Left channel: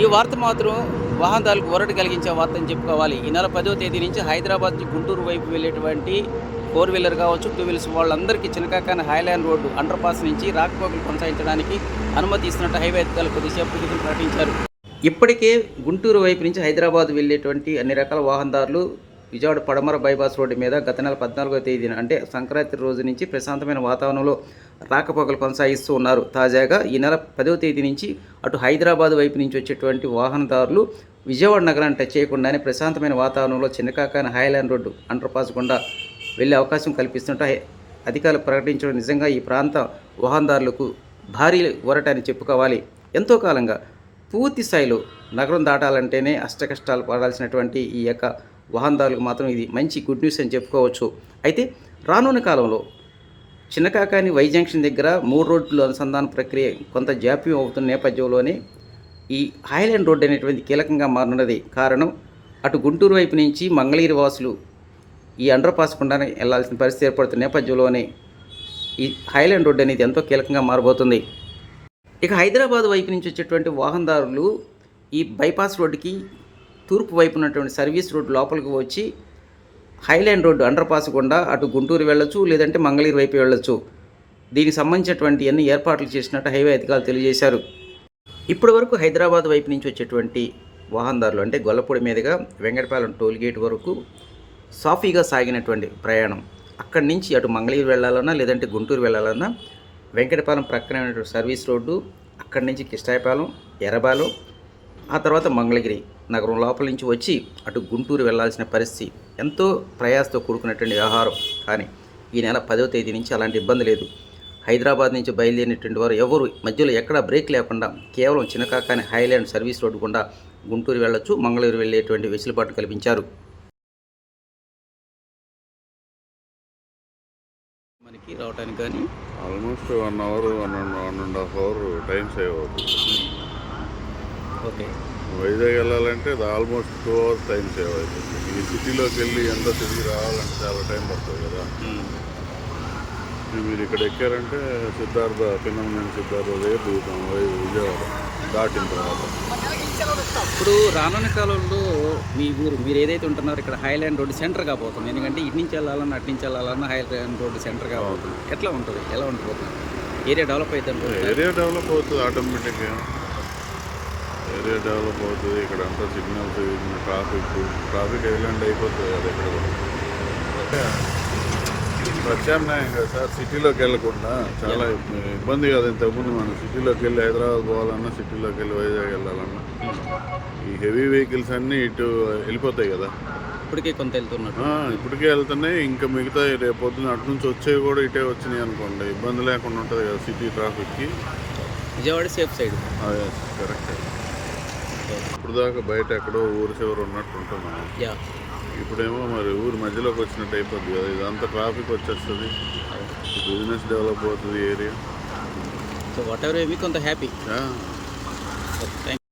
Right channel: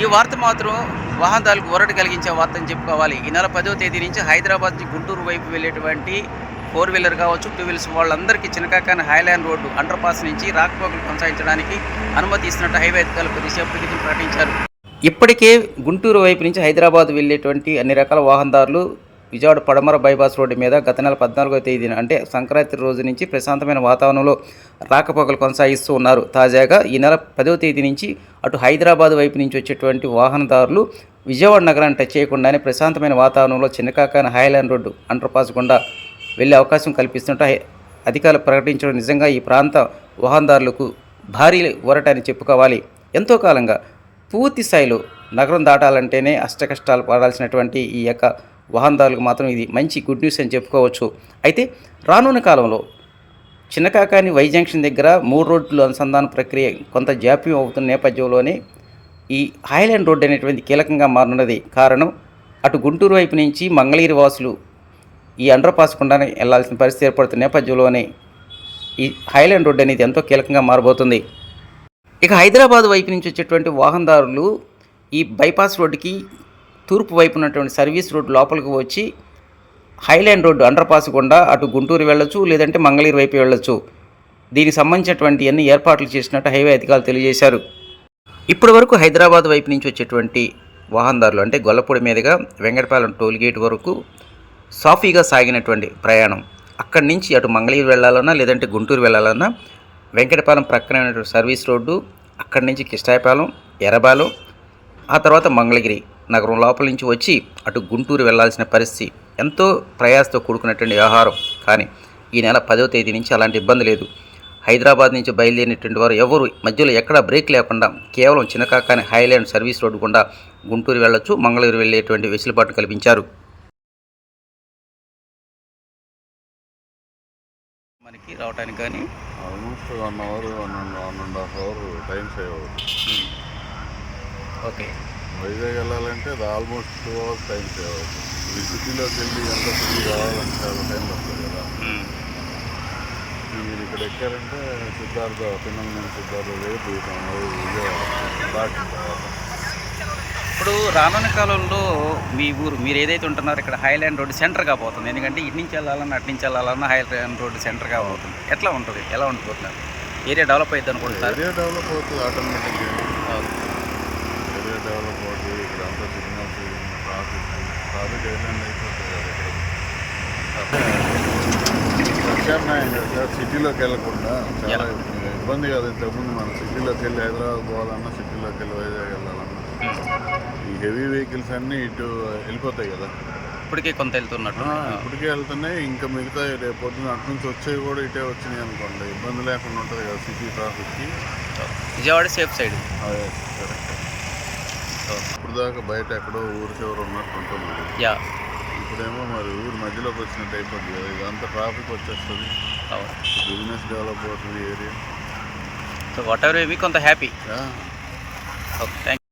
ఈ వార్త మాత్రం వాహనదారులకు ఒరట కలిగించే వార్త అని చెప్పుకోవాలి. ఈ నెల పదో తేదీ నుంచి హైదరాబాద్ నుంచి గుంటూరు వైపు వెళ్ళేటువంటి ఫోర్ వీలర్ కావచ్చు టూ వీలర్స్ వాళ్ళందరికీ Chinnakakani highland road underpass నుంచి రాకపోకలు కొనసాగించడానికి అనుమతి ఇస్తున్నట్టు హైవే అధికారులు కొద్దిసేపటి క్రితం ప్రకటించారు. ఇప్పటికే గుంటూరు వైపు నుంచి హైదరాబాద్ వెళ్ళేటువంటి అన్ని రకాల వాహనదారులు విజయవాడ పడమర బైపాస్ రోడ్డు మీద గత నెల పద్నాలుగో తేదీన అంటే సంక్రాంతి రోజు నుంచి ప్రశాంతమైన వాతావరణంలో రాకపోకలు కొనసాగిస్తూ ఉన్నారు. తాజాగా ఈ నెల పదో తేదీ నుంచి అటు హైదరాబాద్ వైపు నుంచి వచ్చేటువంటి వాహనదారులు విజయవాడ నగరాన్ని టచ్ చేయకుండానే ప్రశాంతమైన వాతావరణంలో చిన్నకాకాన హైలాండ్ రోడ్డు అండర్పాస్ గుండా వెళ్ళే అవకాశం కల్పిస్తుంటే అధికారులు ప్రకటించడం నిజంగా ఈ ప్రాంత వాహనదారులకు భారీ ఊరట అని చెప్పుకోవాలి. ఎంతో కాలంగా పూర్తి స్థాయిలో నగరం దాటాలంటేనే అష్టకష్టాలు పడాల్సినటువంటి ఈ యొక్క వాహనదారులకు మాత్రం ఇది మంచి గుడ్ న్యూస్ అని చెప్పుకోవచ్చు. అయితే రానున్న కాలంలో చిన్నకాకాని వై జంక్షన్ దగ్గర మూడు రోడ్లు అనుసంధాన ప్రక్రియ కొంత జాప్యం అవుతున్న నేపథ్యంలోనే ఈ హైలాండ్ రోడ్ అనేటువంటి కీలకంగా మారున్నది కారణం అటు గుంటూరు వైపు నుంచి మంగళగిరి వాసులు ఈ అండర్ పాస్ గుండానే వెళ్ళాల్సిన పరిస్థితి ఏర్పడుతున్న నేపథ్యంలోనే ఈ హైలాండ్ రోడ్ అనేది ఎంతో కీలకంగా మారబోతుంది. ఇక హైదరాబాద్ వైపు నుంచి వచ్చేటువంటి వాహనదారులు ఈ బైపాస్ రోడ్డుకి తూర్పు వైపు ఉన్నటువంటి సర్వీస్ రోడ్ లోపలికి వచ్చి హైలైన్ రోడ్డు అండర్ పాస్ గుండా అటు గుంటూరు వెళ్ళొచ్చు లేదంటే మంగళగిరి వైపు వెళ్ళొచ్చు. దీనికి సంబంధించినటువంటి అన్ని ఏర్పాట్లు చేసినట్టు హైవే అధికారులు తెలియజేశారు. ఇప్పటి వరకు హైదరాబాద్ వైపు నుంచి వచ్చేటువంటి వాహనదారులు అంటే గొల్లపూడి మీదుగా వెంకటపాలెం టోల్ గేట్ వరకు సాఫీగా సాగినటువంటి ప్రయాణం. అక్కడి నుంచి అటు మంగళగిరి వెళ్ళాలన్నా లేదంటే గుంటూరు వెళ్ళాలన్నా వెంకటపాలెం ప్రక్కన సర్వీస్ రోడ్డు అక్కడి నుంచి కిష్టాయపాలెం ఎర్రబాలెం ఆ తర్వాత మంగళగిరి. నగరం లోపల నుంచి వచ్చి అటు గుంటూరు వెళ్ళాల్సిన పరిస్థితి ఎంతో ప్రయాసతో కూడుకున్నటువంటి వ్యవహారం. కానీ ఈ నెల పదవ తేదీ నుంచి అలాంటి ఇబ్బంది లేదు. హైదరాబాద్ నుంచి బయలుదేరినటువంటి వారు ఎవరు? మధ్యలో ఎక్కడ బ్రేక్ లేకుండా కేవలం చిన్నకాకాని హైలాండ్ సర్వీస్ రోడ్డు గుండా గుంటూరు వెళ్ళొచ్చు మంగళగిరి వెళ్ళేటువంటి వెసులుబాటు కల్పించారు. మనకి రావడానికి కానీ almost one hour one and one and half hour time save అవుతుంది. ఓకే. వైజాగ్ వెళ్ళాలంటే అది almost two hours time save అవుతుంది. ఈ సిటీలోకి వెళ్ళి ఎంత తిరిగి రావాలంటే చాలా టైం పడుతుంది కదా. మీరు ఇక్కడ ఎక్కారంటే సిద్ధార్థ పిన్నమనేని సిద్ధార్థ దగ్గర దిగుతాం విజయవాడ దాటిన తర్వాత. ఇప్పుడు రానున్న కాలంలో మీ ఊరు మీరు ఏదైతే ఉంటున్నారో ఇక్కడ హైలాండ్ రోడ్ సెంటర్ కాబోతుంది ఎందుకంటే ఇటు నుంచి వెళ్ళాలన్నా అటు నుంచి వెళ్ళాలన్నా హైలాండ్ రోడ్ సెంటర్ కాబోతుంది ఎట్లా ఉంటుంది? ఎలా ఉండిపోతున్నారు ఏరియా డెవలప్ అవుతుంది అనుకుంటున్నారు? ఏరియా డెవలప్ అవుతుంది ఆటోమేటిక్ ఏరియా డెవలప్ అవుతుంది ఇక్కడ అంతా సిగ్నల్స్ ట్రాఫిక్ ట్రాఫిక్ ఐలాండ్ అయిపోతుంది కదా ఇక్కడ కూడా. ప్రత్యామ్నాయం కదా సార్ సిటీలోకి వెళ్ళకుండా చాలా ఇబ్బంది కదా ఇంతకుముందు మనం సిటీలోకి వెళ్ళి హైదరాబాద్ పోవాలన్నా సిటీలోకి వెళ్ళి వైజాగ్ వెళ్ళాలన్నా. ఈ హెవీ వెహికల్స్ అన్నీ ఇటు వెళ్ళిపోతాయి కదా. ఇప్పటికే కొంత వెళ్తున్నట్టు. ఇప్పటికే వెళ్తున్నాయి. ఇంకా మిగతా రేపు పొద్దున అటు నుంచి వచ్చేవి కూడా ఇటే వచ్చినాయి అనుకోండి. ఇబ్బంది లేకుండా ఉంటుంది కదా city ట్రాఫిక్కి. Vijayawada safe side. Correct ఇప్పుడు దాకా బయట ఎక్కడో ఊరు చివర ఉన్నట్టు ఉంటున్నాను యా. ఇప్పుడేమో మరి ఊరు మధ్యలోకి వచ్చినట్టు అయిపోద్ది కదా. ఇదంతా ట్రాఫిక్ వచ్చేస్తుంది. అవును. బిజినెస్ డెవలప్ అవుతుంది ఏరియా సో వాట్ ఎవర్ మీకు కొంత హ్యాపీ ఓకే థ్యాంక్